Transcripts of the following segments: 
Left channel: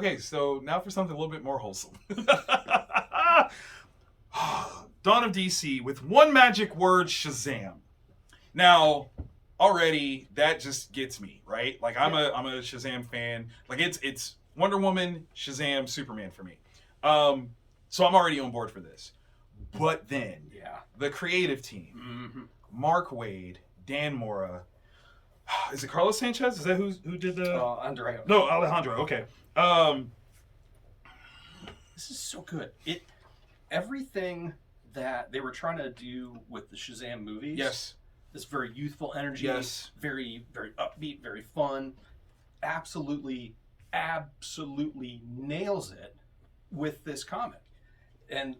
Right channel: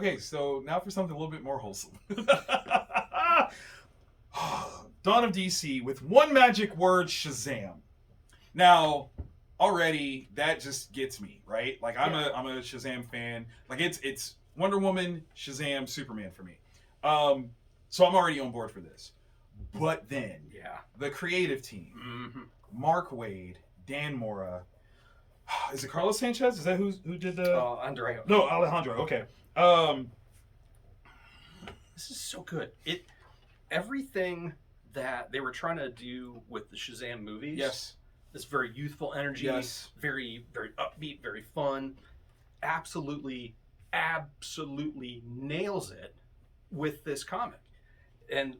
Okay, so now for something a little bit more wholesome. Dawn of DC with one magic word, Shazam. Now, already that just gets me, right? Like I'm a Shazam fan. Like it's Wonder Woman, Shazam, Superman for me. So I'm already on board for this. But then, the creative team, Mark Waid, Dan Mora, is it Carlos Sanchez? Is that who did the? Andrea. No, Alejandro. Okay. This is so good. Everything that they were trying to do with the Shazam movies. Yes. This very youthful energy. Yes. Very, very upbeat, very fun. Absolutely nails it with this comic. And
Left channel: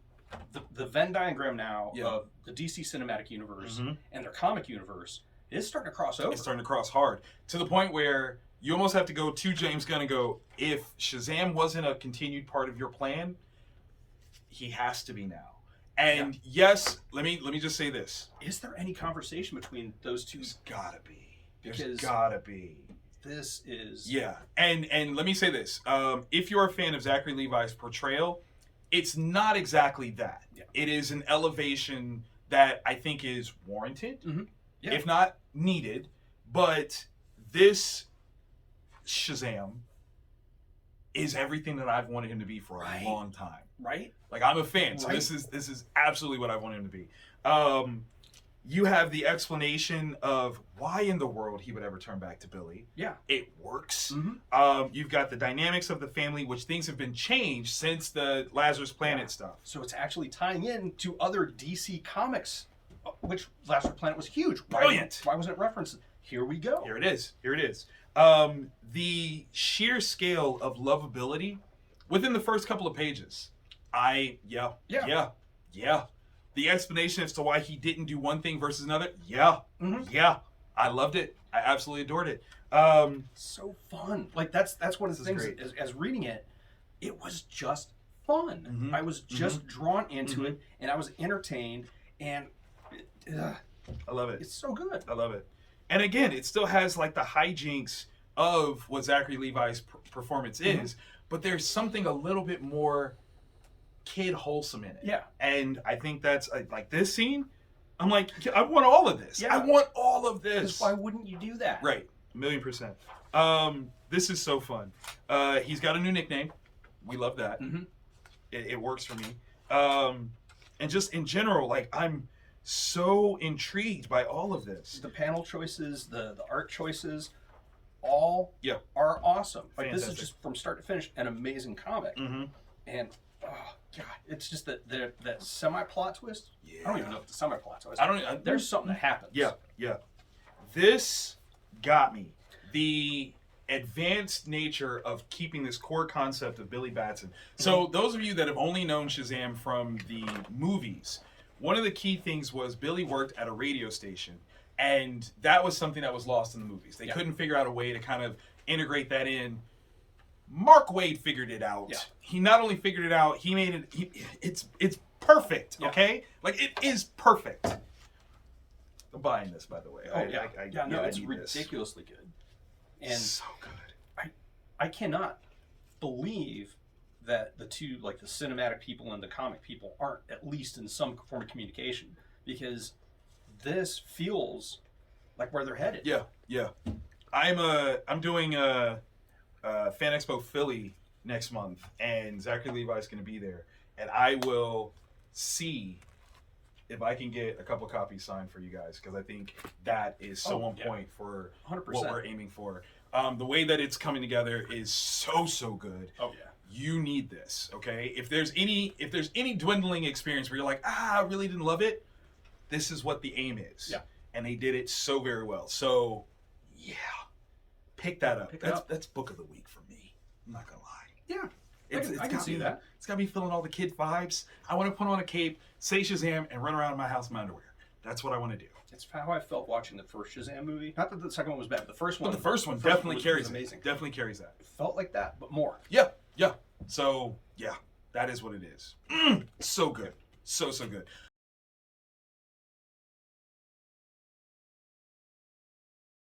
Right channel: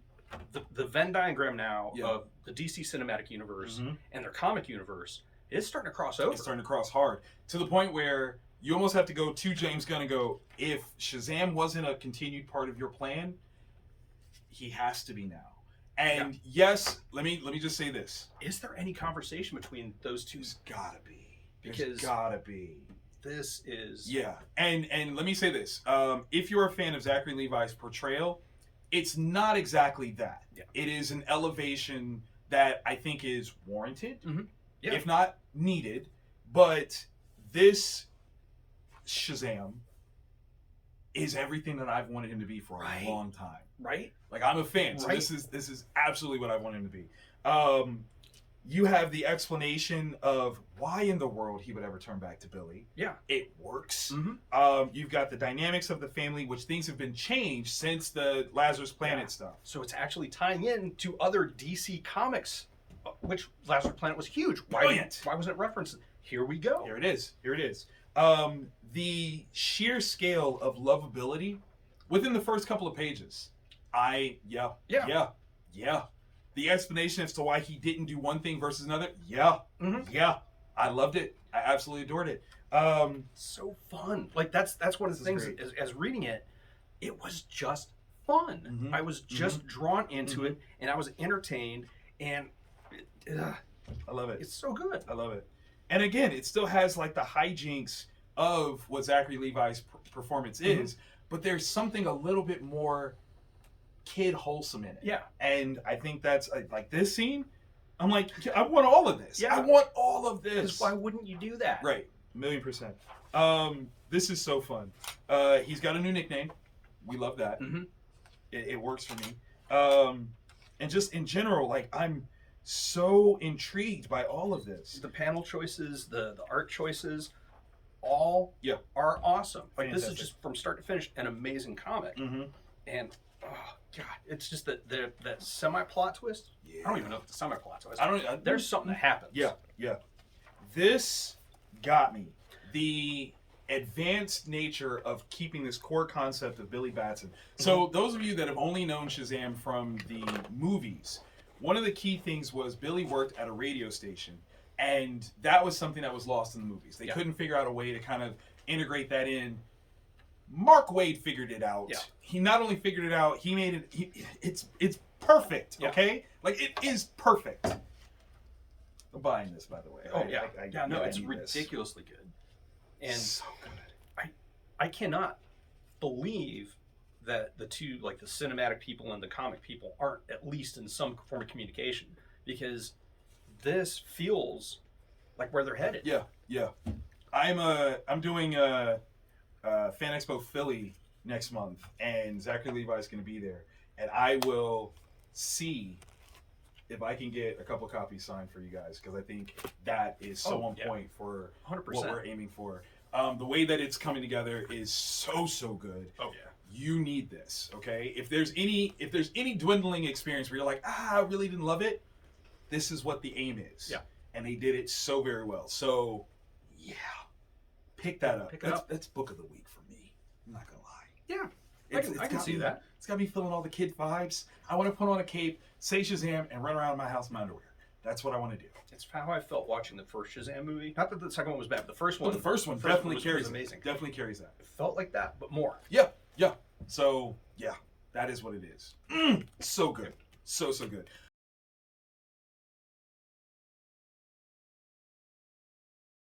the Venn diagram now of the DC Cinematic Universe and their comic universe is starting to cross over. It's starting to cross hard to the point where you almost have to go to James Gunn and go, if Shazam wasn't a continued part of your plan, he has to be now. And yes, let me just say this: is there any conversation between those two? There's gotta be. There's gotta be. This is and let me say this: if you're a fan of Zachary Levi's portrayal, it's not exactly that. It is an elevation that I think is warranted, if not needed. But this Shazam is everything that I've wanted him to be for a long time. Right? Like I'm a fan, so this is absolutely what I want him to be. You have the explanation of why in the world he would ever turn back to Billy. Yeah. It works. You've got the dynamics of the family, which things have been changed since the Lazarus Planet stuff. So it's actually tying in to other DC comics, which Lazarus Planet was huge. Brilliant. Why wasn't it referenced? Here we go. Here it is. The sheer scale of lovability within the first couple of pages. The explanation as to why he didn't do one thing versus another. I loved it. I absolutely adored it. So fun. Like that's one of the things. As reading it, it was just fun. I was just drawn into it, and I was entertained. And I love it. It's so good. I love it. And again, it still has like the hijinks of what Zachary Levi's performance is, but there's something a little bit more kid wholesome in it. Yeah. And I think that's like this scene, I'm like, I want all of this. Yeah. I want all of this. Because why wouldn't you do that? Right. 1,000,000%. This is so fun. He's got a new nickname. We love that. It works for me. And just in general, like I'm so intrigued by all of this. The panel choices, the art choices, all are awesome. Like Fantastic. this is just from start to finish an amazing comic. And oh god, it's just that semi-plot twist. I don't even know if it's a semi-plot twist. There's something that happens. This got me. The advanced nature of keeping this core concept of Billy Batson. So those of you that have only known Shazam from the movies, one of the key things was Billy worked at a radio station, and that was something that was lost in the movies. They couldn't figure out a way to kind of integrate that in. Mark Waid figured it out. He not only figured it out, he made it. It's perfect. Okay, like it is perfect. I'm buying this, by the way. It's ridiculously good, and so good. I cannot believe that the two, like the cinematic people and the comic people, aren't at least in some form of communication, because this feels like where they're headed. I'm doing a Fan Expo Philly next month, and Zachary Levi's going to be there, and I will see if I can get a couple copies signed for you guys, because I think that is so on point for 100%. What we're aiming for. The way that it's coming together is so good. You need this, okay? If there's any dwindling experience where you're like, I really didn't love it, this is what the aim is. And they did it so very well. So pick that up. That's book of the week for me. I'm not gonna lie. I can see that. It's got me feeling all the kid vibes. I want to put on a cape, say Shazam, and run around my house in my underwear. That's what I want to do. It's how I felt watching the first Shazam movie. Not that the second one was bad, but the first one. But the first one definitely carries was amazing. Definitely carries that. It felt like that, but more. So that is what it is. So good. So good.